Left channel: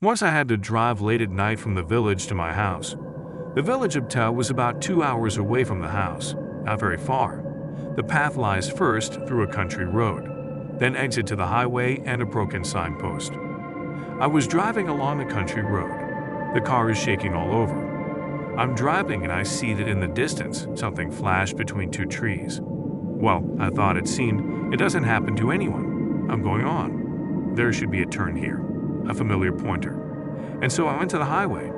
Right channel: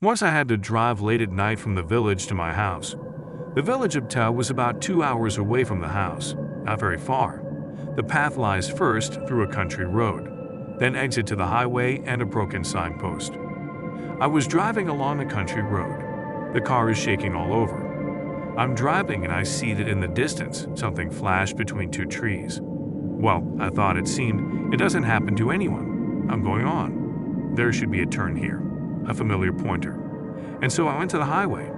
Once I had to drive late at night from the village to my house. The village of Vol.2 was about 2 hours away from the house, not very far. The path lies first through a country road, then exit to the highway and a broken signpost. I was driving along a country road. The car is shaking all over. I'm driving and I see that in the distance, something flashed between two trees. Well, I thought it seemed it doesn't happen to anyone. I'm going on. There should be a turn here, a familiar pointer. And so I went to the highway.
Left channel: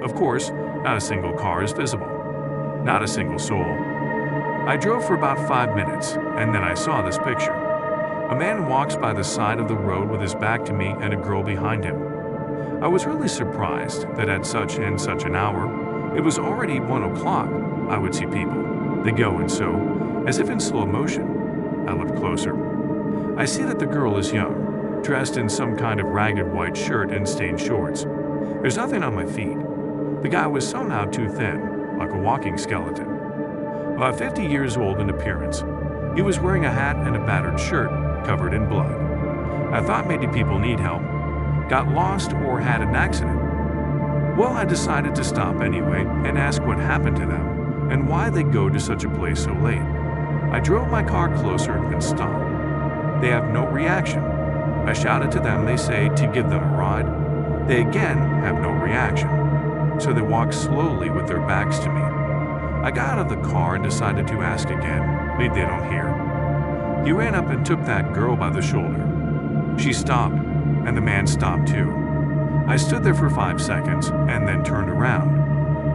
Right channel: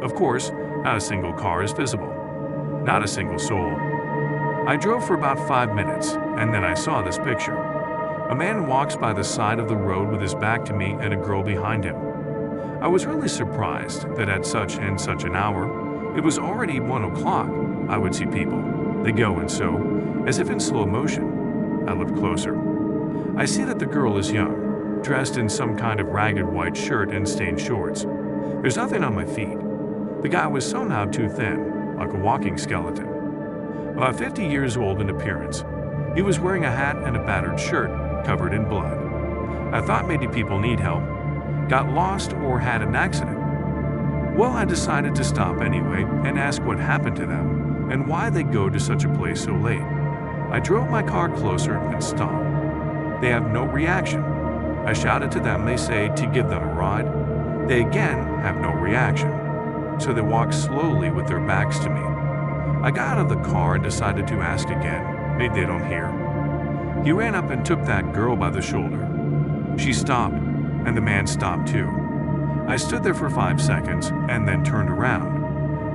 Of course, not a single car is visible. Not a single soul. I drove for about 5 minutes, and then I saw this picture. A man walks by the side of the road with his back to me and a girl behind him. I was really surprised that at such and such an hour, it was already 1 o'clock, I would see people. They go and so, as if in slow motion. I looked closer. I see that the girl is young, dressed in some kind of ragged white shirt and stained shorts. There's nothing on my feet. The guy was somehow too thin, like a walking skeleton. About 50 years old in appearance. He was wearing a hat and a battered shirt covered in blood. I thought maybe people need help, got lost, or had an accident. Well, I decided to stop anyway and ask what happened to them and why they go to such a place so late. I drove my car closer and stopped. They have no reaction. I shouted to them, they say to give them a ride. They again have no reaction. So they walk slowly with their backs to me. I got out of the car and decided to ask again. Maybe they don't hear. He ran up and took that girl by the shoulder. She stopped, and the man stopped too. I stood there for 5 seconds and then turned around,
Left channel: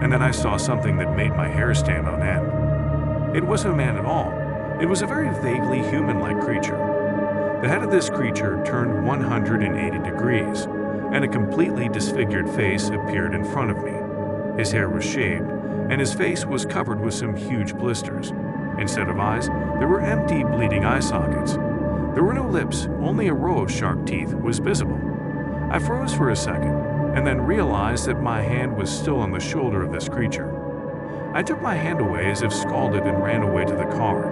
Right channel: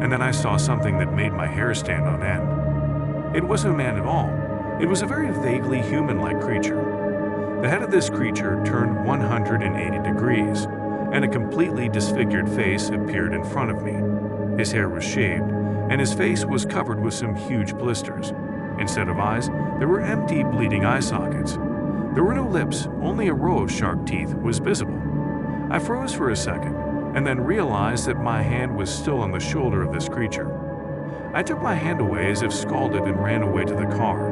and then I saw something that made my hair stand on end. It wasn't a man at all. It was a very vaguely human-like creature. The head of this creature turned 180 degrees, and a completely disfigured face appeared in front of me. His hair was shaved, and his face was covered with some huge blisters. Instead of eyes, there were empty, bleeding eye sockets. There were no lips, only a row of sharp teeth was visible. I froze for a second, and then realized that my hand was still on the shoulder of this creature. I took my hand away as if scalded and ran away to the car.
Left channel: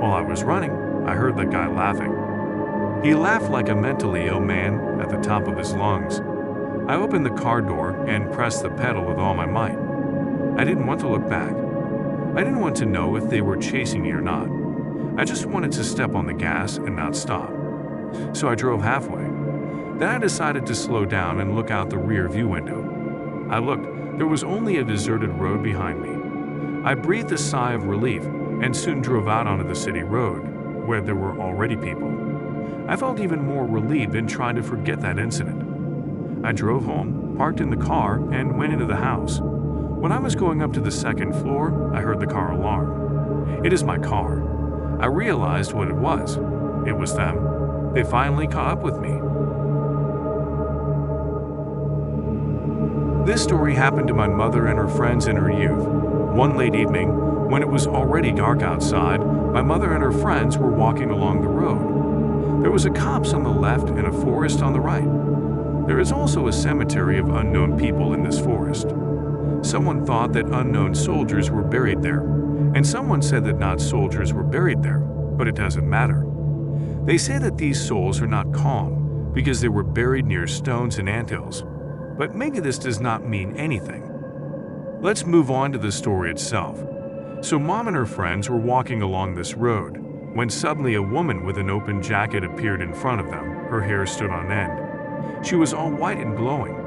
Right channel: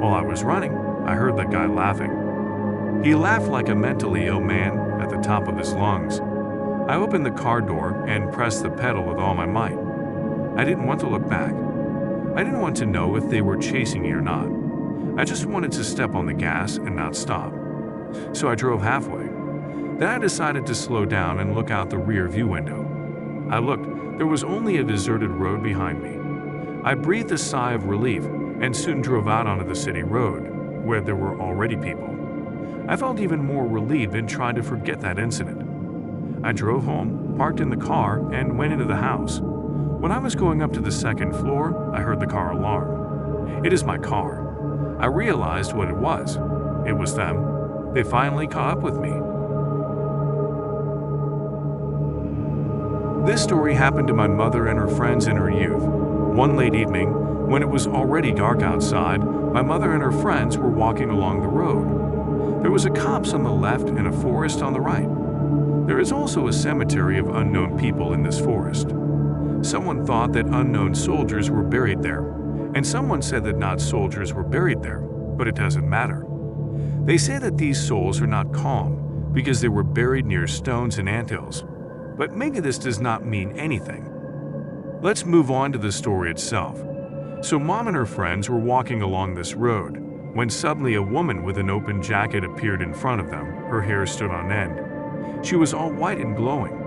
While I was running, I heard that guy laughing. He laughed like a mentally ill man at the top of his lungs. I opened the car door and pressed the pedal with all my might. I didn't want to look back. I didn't want to know if they were chasing me or not. I just wanted to step on the gas and not stop. So I drove halfway. Then I decided to slow down and look out the rear view window. I looked. There was only a deserted road behind me. I breathed a sigh of relief and soon drove out onto the city road, where there were already people. I felt even more relieved and tried to forget that incident. I drove home, parked in the car, and went into the house. When I was going up to the second floor, I heard the car alarm. It is my car. I realized what it was. It was them. They finally caught up with me. This story happened to my mother and her friends in her youth. One late evening, when it was already dark outside, my mother and her friends were walking along the road. There was a copse on the left and a forest on the right. There is also a cemetery of unknown people in this forest. Someone thought that unknown soldiers were buried there, and someone said that not soldiers were buried there, but it doesn't matter. They say that these souls are not calm because they were buried near stones and anthills, but maybe this does not mean anything. Let's move on to the story itself. So Mom and her friends were walking along this road when suddenly a woman with an open jacket appeared in front of them. Her hair stood on end. She was all white and glowing.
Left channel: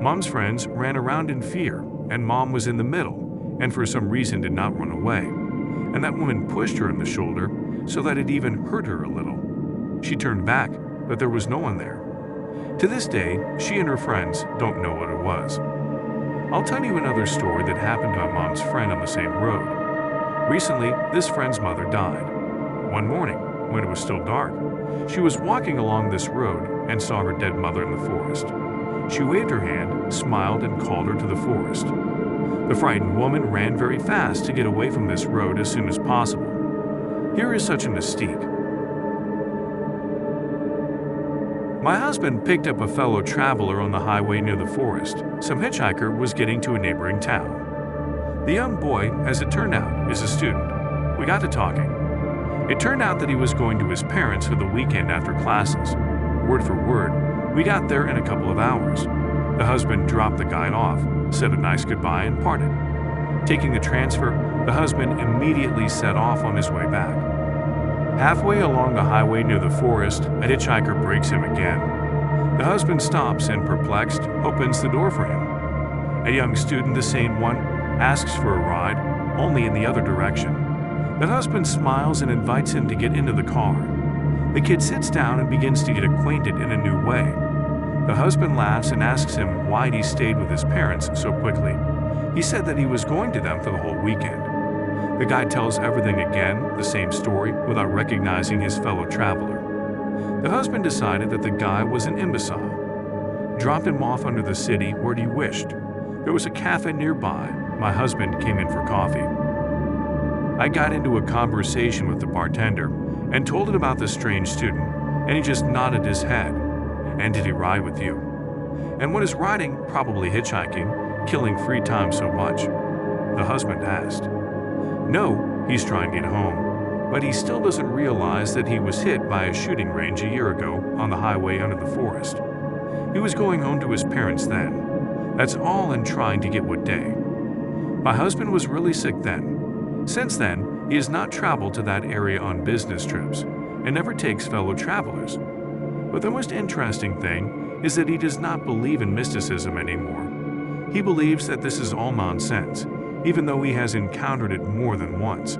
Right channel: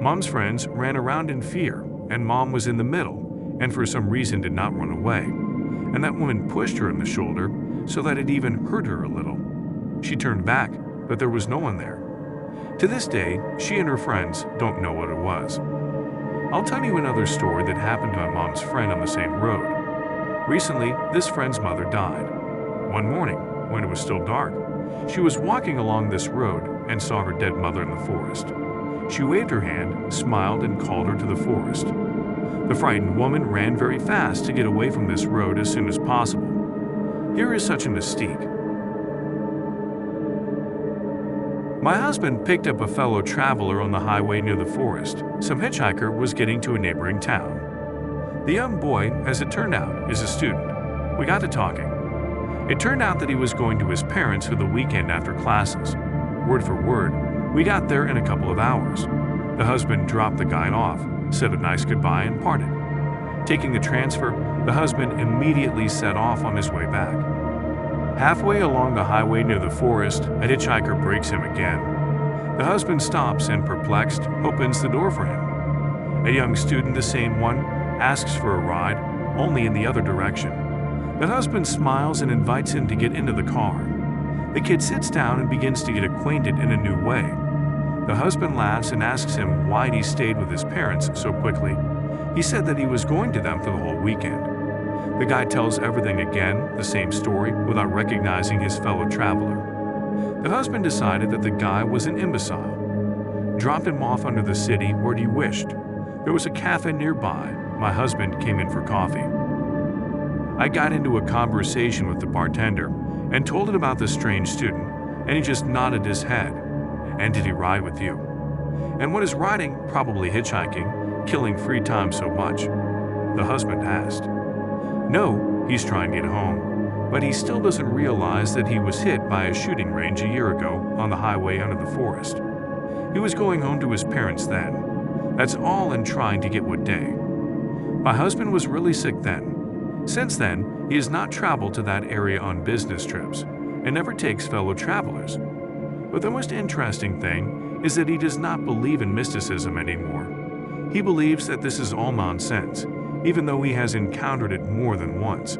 Mom's friends ran around in fear, and Mom was in the middle and for some reason did not run away. And that woman pushed her in the shoulder so that it even hurt her a little. She turned back, but there was no one there. To this day, she and her friends don't know what it was. I'll tell you another story that happened to my mom's friend on the same road. Recently, this friend's mother died. One morning, when it was still dark, she was walking along this road and saw her dead mother in the forest. She waved her hand, smiled, and called her to the forest. The frightened woman ran very fast to get away from this road as soon as possible. Here is such a mystique. My husband picked up a fellow traveler on the highway near the forest. Some hitchhiker was getting to a neighboring town. The young boy, as it turned out, is a student. We got to talking. It turned out that he was going to his parents for the weekend after classes. Word for word, we got there in a couple of hours. The husband dropped the guy off, said a nice goodbye, and parted. Taking the transfer, the husband immediately set off on his way back. Halfway along the highway near the forest, a hitchhiker breaks him again. The husband stops and, perplexed, opens the door for him. A young student, the same one, asks for a ride, only in the other direction. The husband smiles and invites him to get into the car. The kid sits down and begins to get acquainted in a new way. The husband laughs and asks him why he stayed with his parents so quickly. He said that he was going to them for the whole weekend. The guy tells everything again, the same story, without recognizing his fellow traveler. The husband decided that the guy was an imbecile. Dropped him off under the city where he wished. There was a cafe nearby. My husband came in for coffee. I got into a conversation with the bartender and told him about the strange student, and he just nodded his head. And did he ride with you? And what is riding, probably hitchhiking, killing free time so much? The husband asked. No, he's trying to get home, but he still doesn't realize that he was hit by a shooting range a year ago on the highway under the forest. He was going home to his parents then. That's all, in trying to get what day. My husband was really sick then. Since then, he has not traveled to that area on business trips and never takes fellow travelers. But the most interesting thing is that he does not believe in mysticism anymore. He believes that this is all nonsense, even though he has encountered it more than once.